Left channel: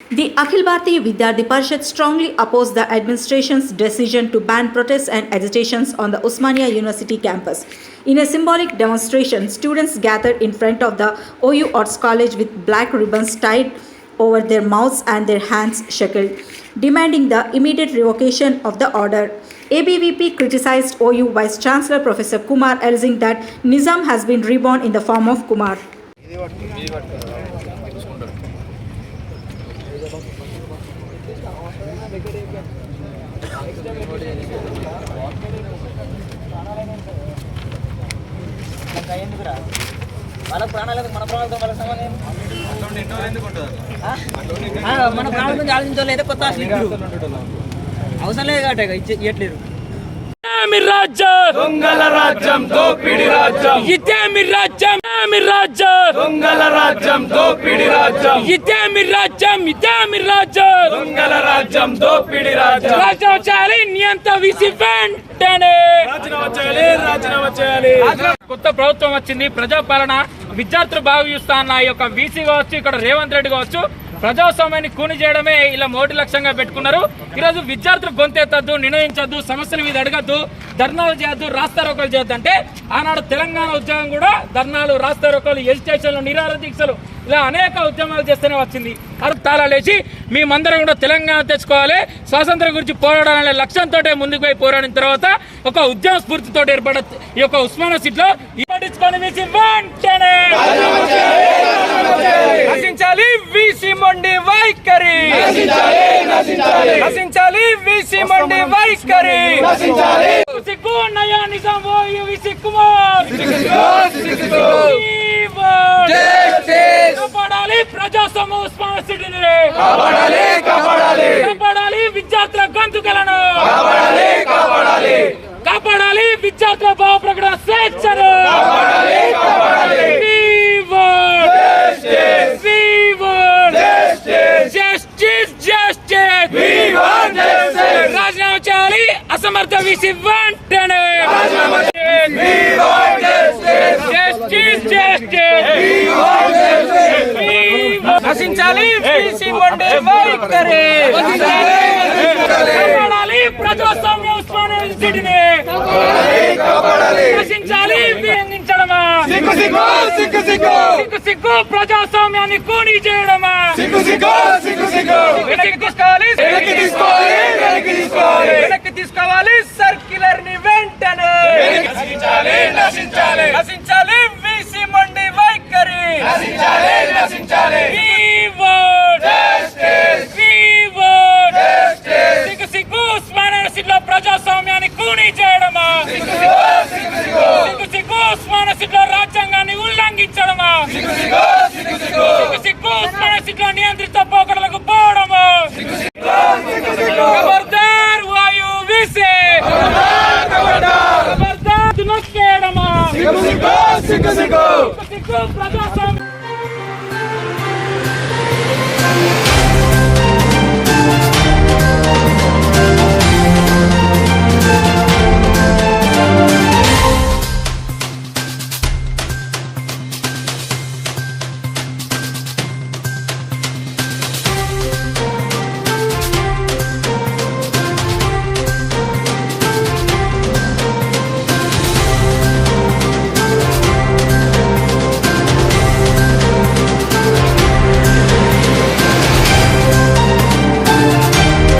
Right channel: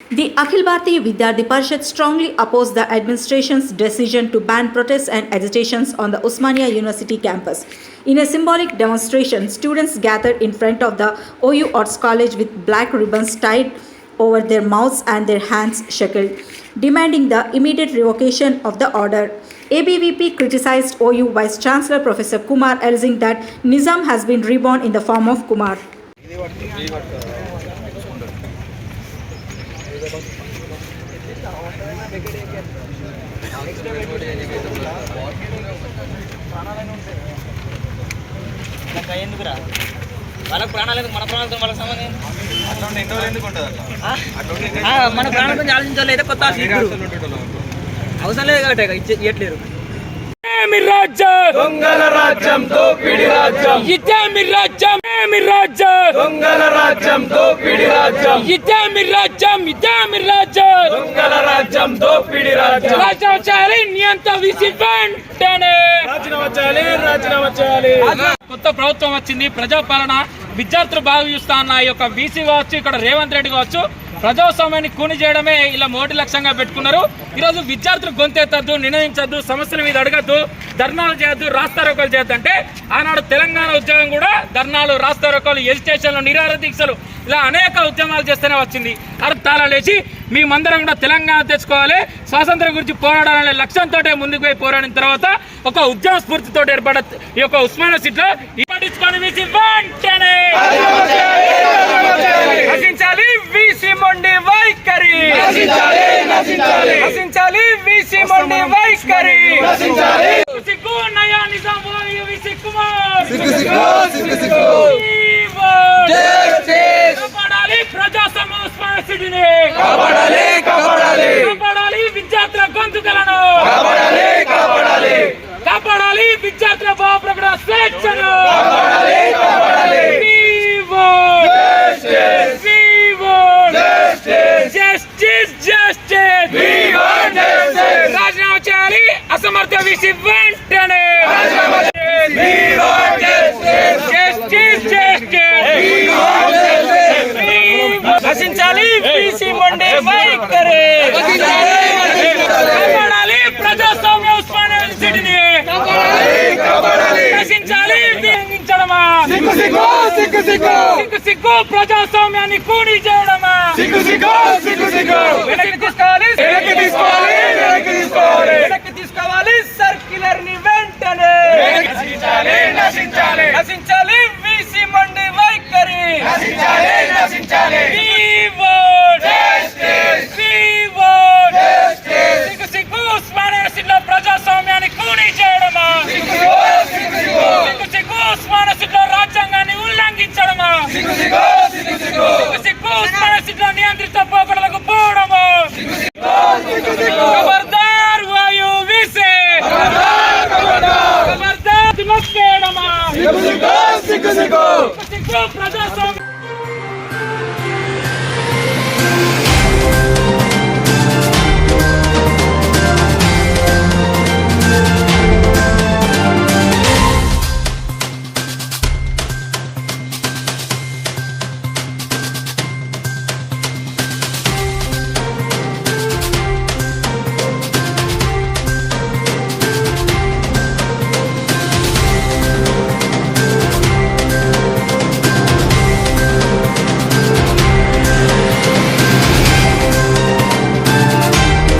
The Akhil Bharatiya Vidyarthi Parishad strongly opposed the administration's decision to ban protests and agitations on the Osmania University campus. In a symbolic demonstration, students gathered in front of the OU Arts College with black ribbons tied over their mouths and their hands shackled, demanding the immediate revocation of the order. ABVP criticized OU Vice Chancellor Professor Kumar, alleging that Nizam has been reborn in the form of Kumar. వాళ్ళకి ప్రాణాలకు మన ప్రాణాలతో వాళ్ళకి సంబంధం మన ప్రాణాల గురించి ఆలోచించలేదు కొత్త అవసరం లేదు కాబట్టి ఇవ్వట్లేరు. దొంగల రాజ్యం దోపిడి రాజ్యం ఇదేమి రాజ్యం ఏమి రాజ్యం దొంగల రాజ్యం దోపిడి రాజ్యం ఇదేమి రాజ్యం ఇదేమి రాజ్యం దొంగల రాజ్యం దోపిడి రాజ్యం రాజ్యం చేయాలి నియంత విసి వెంటనే రాజీనామా చేయాలి రాజీనామా చేయాలి. కొత్త ప్రభుత్వం వచ్చింది, ప్రజాపాలన, విద్యార్థులు బాగా చూస్తా అన్న ఈ యొక్క వీసీ కావచ్చు, ఇక్కడ రేవంత్ రెడ్డి కావచ్చు, ప్రజాస్వామ్యాన్ని కూని చేయడమే ఇలా మొదటి లక్ష్యంగా పెట్టుకున్నారు. ఈరోజు విద్యార్థులు గొంతెత్తద్దు, నిర్ణయించద్దు, సమస్యల మీద అడగద్దు, ధర్నాలు చేయొద్దు, రాస్తారోకలు చేయొద్దు అంటే ఆనాడు తెలంగాణ ఉద్యమం కూడా ధర్నాలు, రాస్తారోకలు, ఎజిటేషన్లు, నిరాహార దీక్షలు ఇలా అనేక ఉద్యమాలు చేస్తూనే వచ్చింది. అర్థాల లేచి మేమందరం కూడా తెలంగాణ తెచ్చుకోవాలి, స్వాతంత్ర్యం గురించి పోరాడాలనే లక్ష్యంతో ముందుకు పోయి పోరాడిన తర్వాత ఒక ఉద్యమ స్ఫూర్తితో ఏర్పడ ఈ యొక్క ఉస్మానియా సీట్లో పట్టించుకొని వీసీ వెంటనే నశించాలి వీసీ మొండి వైఖరి, నశించాలి వీసీ మొండి వైఖరి, సిగ్గు నయా నిజాం వీసీ కుమార్, కాపాడాలి ప్రజాస్వామ్య ఉస్మానియా సిటీని, కాపాడాలి విద్యార్థుల గొంతుకలను, కాపాడాలి విద్యార్థుల భావప్రకటన స్వేచ్ఛను, రాజీనామా చేయాలి అసమర్థ వీసీ వెంటనే, నశించాలి వీసీ మొండి వైఖరి, కాపాడాలి ప్రజాస్వామ్య ఉస్మానియా యూనివర్సిటీని, నశించాలి వినియోగించడమా, సిగ్గు ప్రజాస్వామ్యాన్ని కూని చేయడమా, వెనక్కి తీసుకోవాలి సర్క్యులర్ ని వెంటనే, నశించాలి వీసీ మొండి వైఖరి, సిగ్గు ఉస్మానియా యూనివర్సిటీలో ప్రజాస్వామ్యాన్ని కూని చేయడమా, సిగ్గు ఉస్మానియా యూనివర్సిటీలో రాజ్యాంగాన్ని ఉల్లంఘించడమా, సిగ్గు ఉస్మానియా యూనివర్సిటీలో నియంత్రిత పోకడ